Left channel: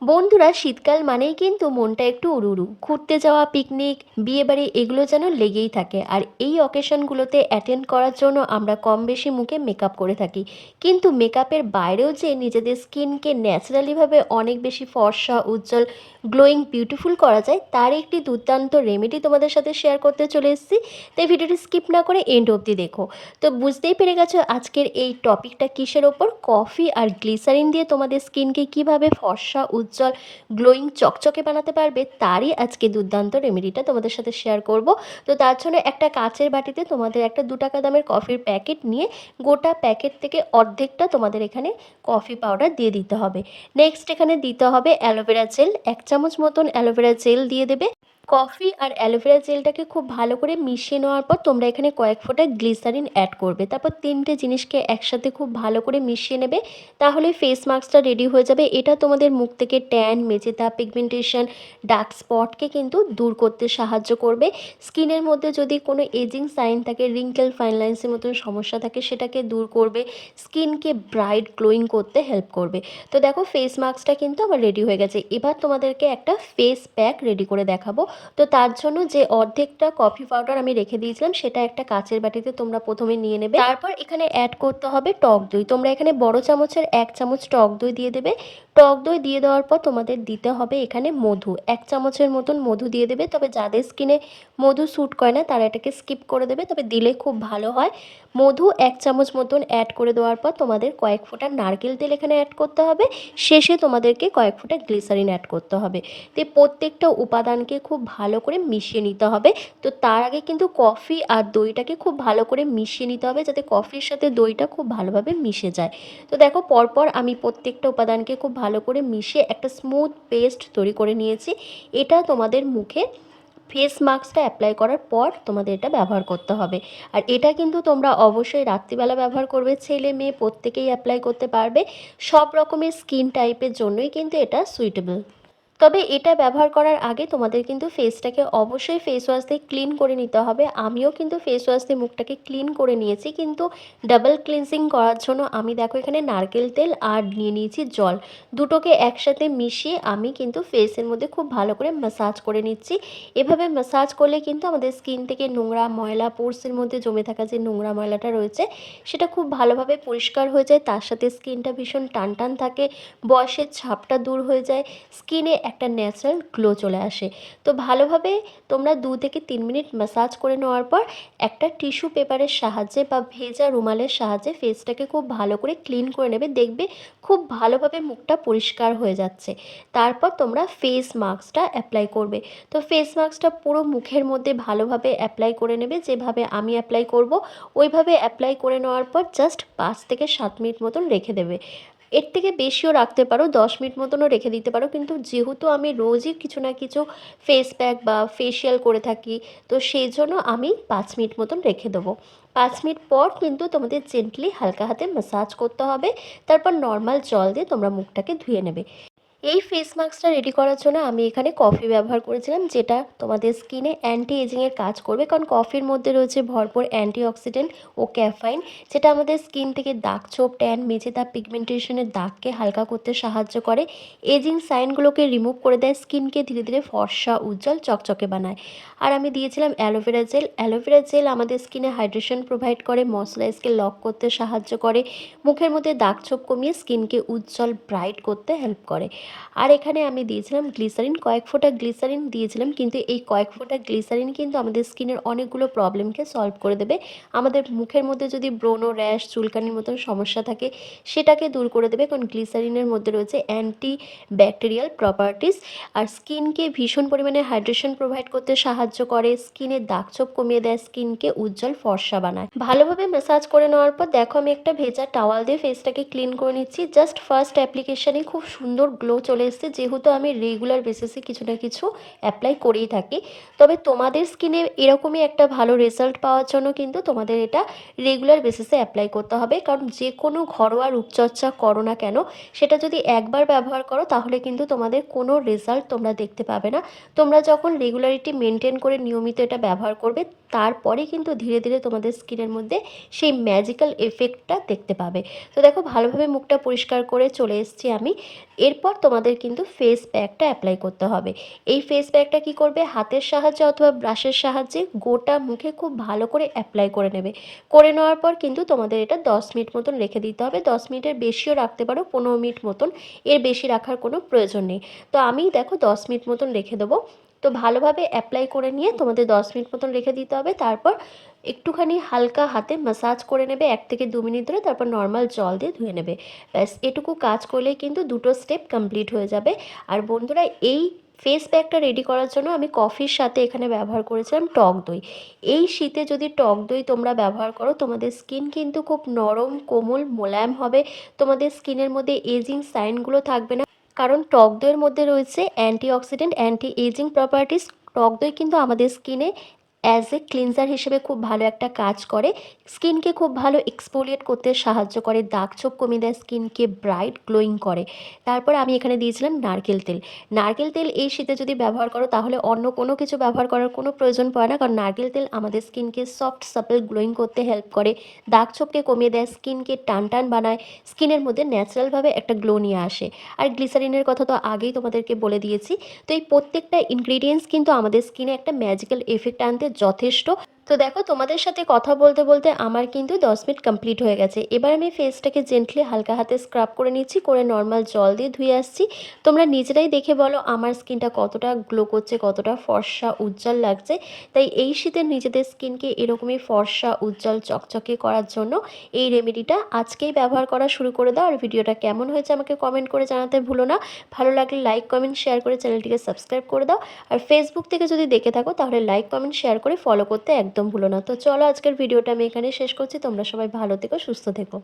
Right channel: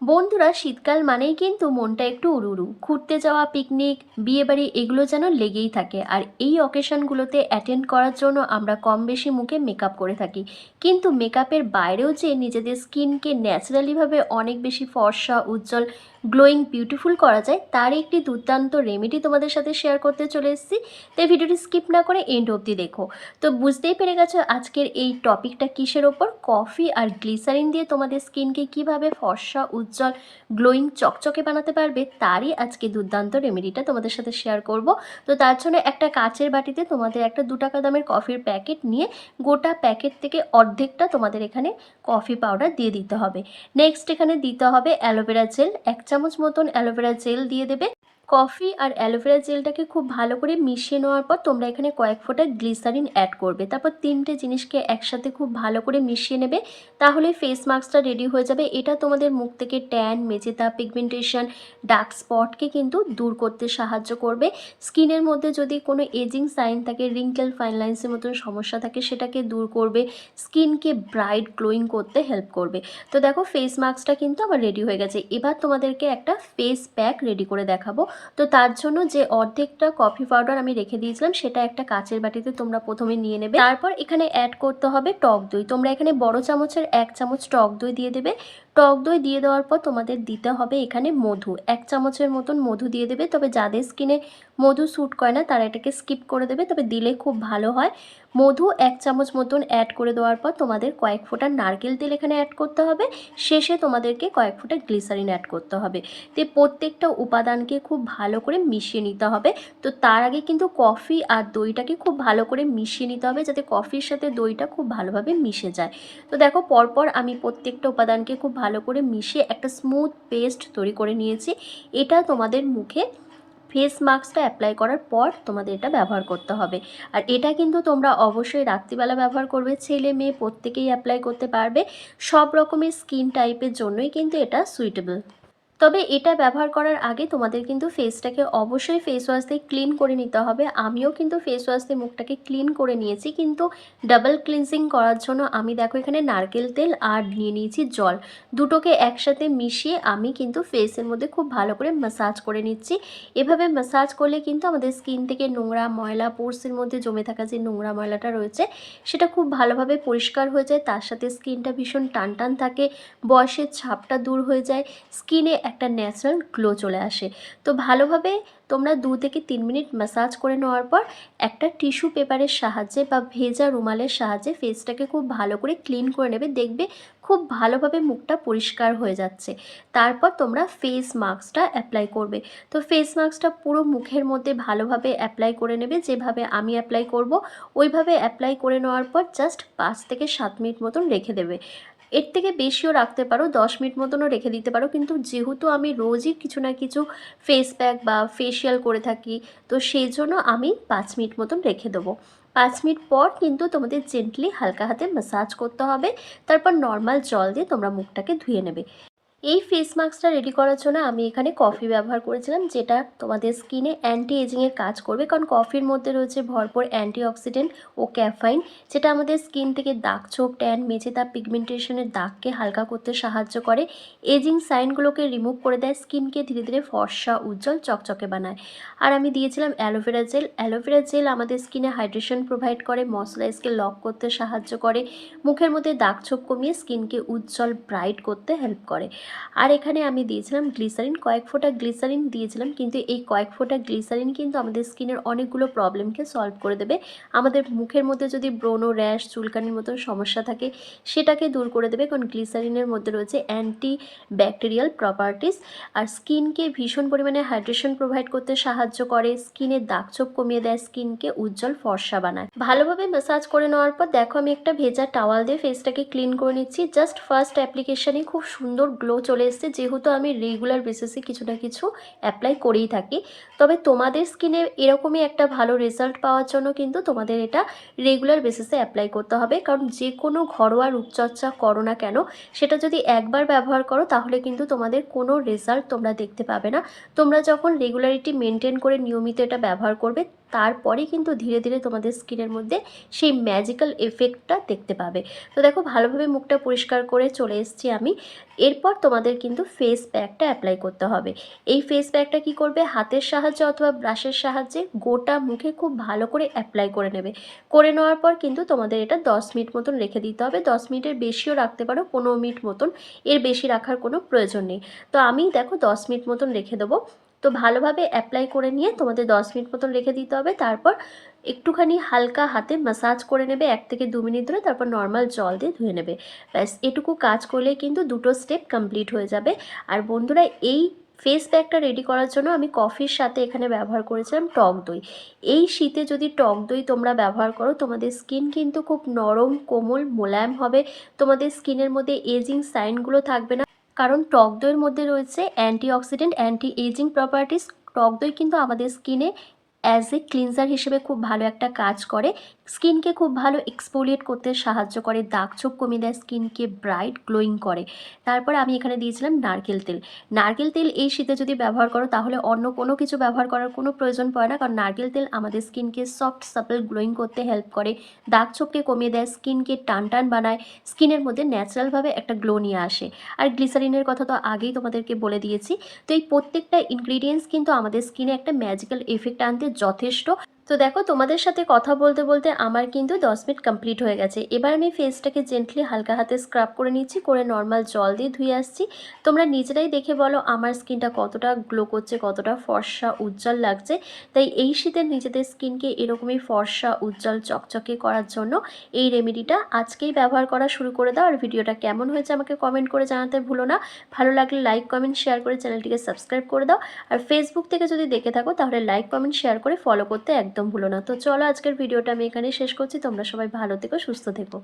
বন্ধুরা, শীতকাল মানেই কিন্তু মনটা একটু উড়ুড়ু ঘুরতে যাওয়া পিকনিক বিয়েবাড়ি এগুলো যেন লেগেই থাকে। আর এই অকেশনগুলোতে অ্যাটেন্ড করার জন্য আমরা কম বেশি মুখে মেকআপ করে থাকি। কিন্তু মেকআপের বাইরেও যে নিজেদের স্কিনকে ন্যাচারালিভাবে অনেক বেশি ফর্সা, উজ্জ্বল গ্লোয়িং বিউটিফুল করা যায়, তার একটি দুর্দান্ত রেমেডি তোমাদের সাথে শেয়ার করতে চলে এসেছি। তাই ভিডিওটি স্কিপ না করে এন্ড অবধি দেখো। তো বুঝতেই পেরে গেছো আজকের এই টপিকটা কিসের ওপর? কফি আর গ্লিসারিন দিয়ে তোমাদের স্কিনকে কীভাবে ফর্সা উজ্জ্বল গ্লোয়িং চকচকে বানাতে পারবে, তারই আজকে দুর্দান্ত রেমেডিটা তোমাদের সাথে শেয়ার করব। তো তার জন্য একটা কাঁচের বাটিতে তোমাদের একটা দু টাকা দামের কফির প্যাকেট নিয়ে গোটা প্যাকেট থেকে অর্ধেকটা তোমাদের এখানে কফি পাউডার দিয়ে দিতে হবে। নেক্সট এখানে দিতে হবে অ্যালোভেরা জেল এক চামচ মতন অ্যালোভেরা জেল দিয়ে দেবে। কফি আর অ্যালোভেরা জেলটাকে খুব ভালো করে মিশিয়ে নেওয়ার পর তোমরা এখানে কয়েক ফোঁটা গ্লিসারিন অ্যাড করবে। তারপর তিনটে জিনিসকে একসাথে খুব ভালো করে মিশিয়ে নেবে, তাহলে ফেস মাস্কটা রেডি হয়ে যাবে। এটা তোমাদের মুখ থেকে ট্যান মেজেতা পিগমেন্টেশন ডার্ক স্পটকে কিন্তু দূর করতে সাহায্য করবে। স্কিনের মধ্যে যদি কোনো এজিং সাইন থাকে রিঙ্কেল ফাইন লাইন্সের মতন সমস্যা থাকে, সেটাকে দূর করবে। স্কিনকে ব্রাইট গ্লোয়িং করতে হেল্প করবে। তো দেখো ফেস মাস্কটা কিন্তু আমার রেডি হয়ে গেছে। এবার তোমাদেরকে একটা ফেস প্যাক রেডি করে দেখাবো। তো তার জন্য যে অর্ধেকটা কফি পাউডার আমি রেখে দিয়েছিলাম, সেটা একটা কাচের বাটিতে তোমরা প্রথমে নিয়ে নেবে। তারপর এখানে অ্যাড করতে হবে টক দই। তোমরা এখানে বড় চামচের এক চামচ টক দই দিয়ে দেবে। টক দই দিয়ে দেওয়ার পর তোমাদের দিতে হবে এখানে মধু। এক চামচের মতন মধু দিয়ে দেবে, তবে যাদের স্কিনে মধু স্যুট করে না, তারা এটাকে স্কিপ করে দেবে, তবে দিলে খুব ভালো হয়। মধু এক চামচ মতন অ্যাড করে দেওয়ার পর তোমাদের কয়েক ফোঁটা নারকেল তেল এখানে অ্যাড করতে হবে। শেষে তোমাদেরকে কয়েক ফোঁটা গ্লিসারিন অ্যাড করতে হবে। তো প্রত্যেকটা উপাদানকে খুব ভালো করে মিশিয়ে নিতে হবে। তো তার আগে কিন্তু কফি আর দইটাকে খুব ভালো করে মিশিয়ে নিতে হবে, যাতে কফির সাথে দইটা খুব ভালোভাবে মিশে যায়। তো দেখো, পরপর আমি প্রত্যেকটা উপাদানকে খুব ভালো করে মিশিয়ে একটা স্মুথ পেস্ট তৈরি করে নিয়েছি। এটা তোমাদের মুখে ফেস মাস্কটা অ্যাপ্লাই করার পর তোমাদের এটা ব্যবহার করতে হবে। আর এটা কিন্তু তোমরা অবশ্যই রাত্রিবেলা ব্যবহার করবে, ছেলে মেয়ে প্রত্যেকেই অ্যাপ্লাই করতে পারবে। সব রকমের স্কিন টাইপের জন্যই কিন্তু এটা সুইটেবল তবে এটা ব্যবহার করার আগে তোমাদের কিন্তু ফেসটাকে অবশ্যই ফেস ওয়াশ দিয়ে ক্লিন করে নিতে হবে। আমিও কিন্তু ফেস ওয়াশ দিয়ে মুখটাকে ক্লিন করে নিয়েছি, কিন্তু ডাবল ক্লিনজিং করার জন্য আমি দেখো এখানে নারকেল তেল আর নিয়ে নিয়েছি জল। দুটোকে একসাথে মিশিয়ে আমি কিন্তু ফেসের মধ্যে খুব ভালো করে ম্যাসাজ করে নিচ্ছি। এভাবে ম্যাসাজ করলে কিন্তু আমাদের স্কিন থেকে নোংরা ময়লা পোর্সের মধ্যে জমে থাকা যে নোংরা ময়লাটা রয়েছে, সেটা খুব ভালোভাবে পরিষ্কার হয়ে যায়। তার সাথে স্কিনটা ভীষণ টান টান থাকে, বয়সের ছাপটা দূর হয়ে যায়। স্কিনে একটা ন্যাচারাল গ্লো চলে আসে। তো ভালোভাবে তোমরা দু থেকে তিন মিনিট ম্যাসাজ করে নেওয়ার পর একটা টিস্যু পেপারের সাহায্যে বা ভেজা রুমালের সাহায্যে ফেসটাকে খুব ভালো করে ক্লিন করে নেবে, দেখবে খুব ভালোভাবে মুখটা পরিষ্কার হয়ে যাচ্ছে। তারপর তোমরা ফেস মাস্কটা অ্যাপ্লাই করবে। তো ফেস মাস্কটা পুরো মুখের মধ্যে ভালোভাবে অ্যাপ্লাই করে নেবে, যেভাবে আমি অ্যাপ্লাই করব, ওইভাবে অ্যাপ্লাই করে নেওয়ার পর জাস্ট পাঁচ থেকে সাত মিনিট মতন রেখে দেবে। এর থেকে বেশিও রাখতে পারো, দশ মিনিট মতনও রেখে দিতে পারো। কিন্তু যেহেতু আমি রোজই কিছু না কিছু ফেস প্যাক বা ফেশিয়াল করে থাকি, তো সেই জন্য আমি পাঁচ মিনিট মতন রেখে দেবো। পাঁচ মিনিট পর কিন্তু তোমাদের জেন্টলি হালকা হাতে ম্যাসাজ করতে হবে। তারপর নর্মাল জল দিয়ে তোমরা মুখটাকে ধুয়ে নেবে। এই ফেস মাস্কটা রেডি করার জন্য আমি এখানে কফি ব্যবহার করেছিলাম, যেটা তোমাদের স্কিনে অ্যান্টি এজিংয়ের কাজ করবে। কারণ কফির মধ্যে রয়েছে ভরপুর অ্যান্টি অক্সিডেন্ট ও ক্যাফাইন যেটা আমাদের স্কিন থেকে দাগ ছোপ ট্যান মেঝে দাগ পিগমেন্টেশনের দাগকে হালকা করতে সাহায্য করে। এজিং সাইনগুলোকে রিমুভ করে দেয় স্কিনকে ধীরে ধীরে ফর্সা, উজ্জ্বল, চকচকে বানায়। আর আমি দিয়েছিলাম অ্যালোভেরা জেল অ্যালোভেরা জেল আমাদের স্কিনে হাইড্রেশন প্রোভাইড করে ময়শ্চারাইজকে লক করতে সাহায্য করে, মুখের মধ্যে দাগ ছোপ কমিয়ে স্কিনকে উজ্জ্বল ব্রাইট করতে হেল্প করে। আর এখানে আমি দিয়েছিলাম গ্লিসারিন কয়েক ফোঁটা গ্লিসারিন দিয়েছিলাম, কিন্তু এই কয়েক ফোঁটা গ্লিসারিন কিন্তু আমাদের স্কিনের অনেকগুলো প্রবলেমকে সলভ করে দেবে। আমাদের মুখের মধ্যে যদি ব্রোনো র্যাশ, চুলকানির মতন সমস্যা থাকে, সেটাকে দূর করে দেবে। কারণ গ্লিসারিনের মধ্যে রয়েছে অ্যান্টি ব্যাকটেরিয়াল প্রপার্টিস আর স্কিনকে ভীষণ পরিমাণে হাইড্রেশন প্রোভাইড করতে সাহায্য করে। স্কিনের দাগছোপ কমিয়ে দেয়, স্কিনকে উজ্জ্বল ফর্সা বানায়। ভালোভাবে ম্যাসাজ করে নেওয়ার পর দেখো আমি একটা ভেজা টাওয়াল দিয়ে ফেসটাকে ক্লিন করে নিচ্ছি। জাস্ট ফার্স্ট অ্যাপ্লিকেশানে খুব সুন্দর গ্লো চলে এসেছে, যেহেতু আমি রেগুলার বেসিসে কিছু না কিছু অ্যাপ্লাই করেই থাকি। তবে তোমাদের স্কিনে এরকমই একটা ভালো রেজাল্ট পাওয়ার জন্য কিন্তু তোমাদের এটা রেগুলার বেসিসে অ্যাপ্লাই করতে হবে। কারণ যে কোনো ঘরোয়া রূপচর্চা করো না কেন, সেটা যদি একবার ব্যবহার করো, তাহলে কিন্তু তোমাদের কোনো রেজাল্ট তোমরা দেখতে পাবে না। তোমরা যখন রেগুলারিটি মেনটেন করে নিয়মিত এটা ব্যবহার করবে তারপরে কিন্তু ধীরে ধীরে তোমাদের স্কিনের মধ্যে সেই ম্যাজিক্যাল এফেক্টটা দেখতে পাবে। তো দেখো, ভালোভাবে মুখটা পরিষ্কার করে চলে এসেছি আমি। এরপর তোমাদের কিন্তু ফেস প্যাকটা অ্যাপ্লাই করতে হবে। এই ফেস প্যাকটা কি করবে? হাতের সাহায্যে অথবা ব্রাশের সাহায্যে গোটা মুখে খুব ভালো করে অ্যাপ্লাই করে নেবে। করে নেওয়ার পর কিন্তু তোমাদের এটা দশ মিনিট মতন রেখে দিতে হবে। দশ মিনিটের বেশিও রাখতে পারো, পনেরো মিনিট মতন। এর বেশি রাখার কোনো প্রয়োজন নেই। তো আমি দেখো, দশ মিনিট মতন রেখে দেবো। তো ভালোভাবে অ্যাপ্লাই করে নিয়ে তোমাদের দশ মিনিট মতন রেখে দিতে হবে। তারপর একটুখানি হালকা হাতে ম্যাসাজ করে নেবে, এক থেকে দু মিনিট ধরে তারপর নর্মাল জল দিয়ে ধুয়ে নেবে। ব্যাস, এটুকু কাজ করলে কিন্তু দুটো স্টেপ কমপ্লিট হয়ে যাবে। আর বন্ধুরা, এই ফেস প্যাকটা রেডি করার জন্য আমি কফির সাথে এখানে ব্যবহার করেছিলাম টক দই। এই শীতে যদি টক দই তোমরা ব্যবহার করো, তোমাদের স্কিন কিন্তু খুব নরম, কোমল, মোলায়েম হবে। তোমাদের স্কিনের মধ্যে এজিং সাইনগুলো থাকবে না। কারণ টক দইয়ের মধ্যে রয়েছে অ্যান্টিঅক্সিডেন্ট অ্যান্টি এজিং প্রপার্টিস টক দই কিন্তু আমাদের স্কিনে অ্যাজ এ ক্লিনজার হিসেবে খুব ভালো একটা কাজ করে। স্কিনকে খুব ভালো এক্সপোলিয়েট করতে সাহায্য করে, দাগ ছোপ কমিয়ে দেয়, স্কিনকে ব্রাইট গ্লোয়িং করে। তারপর আমি এখানে দিয়েছিলাম নারকেল তেল। নারকেল তেল এই শীতে যদি ব্যবহার করো, তাহলে অন্য কোনো কিছু ব্যবহার করার কোনো প্রয়োজন পড়ে না, কারণ নারকেল তেল আমাদের স্কিনকে সফট সাপল গ্লোয়িং করতে হেল্প করে। দাগ ছোপকে কমিয়ে দেয়, স্কিনকে টান টান বানায়, স্কিনের মধ্যে ন্যাচারালভাবে একটা গ্লো নিয়ে আসে। আর গ্লিসারিনের কথা তো আগেই তোমাদেরকে বলে দিয়েছি। তো এই প্রত্যেকটা ইনগ্রিডিয়েন্টস কিন্তু আমাদের স্কিনে একটা ম্যাজিক্যাল এফেক্ট আনতে যথেষ্ট তো দেখো, তোমাদের সাথে কথা বলতে বলতে আমার কিন্তু দশ মিনিট কমপ্লিট হয়ে গেছে। এবার আমি ফেসটাকে জেন্টলি হালকা হাতে স্ক্রাব করে নিচ্ছি, করে নর্মাল জল দিয়ে ধুয়ে আসছি। তোমরা নিজেরাই দেখে বলো আমার স্কিনটা কতটা গ্লো করছে, কতটা ফর্সা, উজ্জ্বল লাগছে। তাই এই শীতে নিজেদের স্কিনকে এরকমই ফর্সা, উজ্জ্বল, চকচকে করার জন্য এই রেমেডিটা আজকেই ব্যবহার করা শুরু করে দাও। আর ভিডিওটা কেমন হয়েছে আমাকে কমেন্ট করে জানাতে ভুলো না। ভালো লাগলে লাইক কমেন্ট শেয়ার করে চ্যানেলটিকে সাবস্ক্রাইব করে দাও। আর ফেসবুক থেকে যদি দেখে থাকো, তাহলে লাইক কমেন্ট শেয়ার করে ফলো করতে একদম ভুলো না। তো চলো আজকের ভিডিওটা আমি এখানে শেষ করছি। তোমরা সবাই ভালো থেকো, সুস্থ থেকো।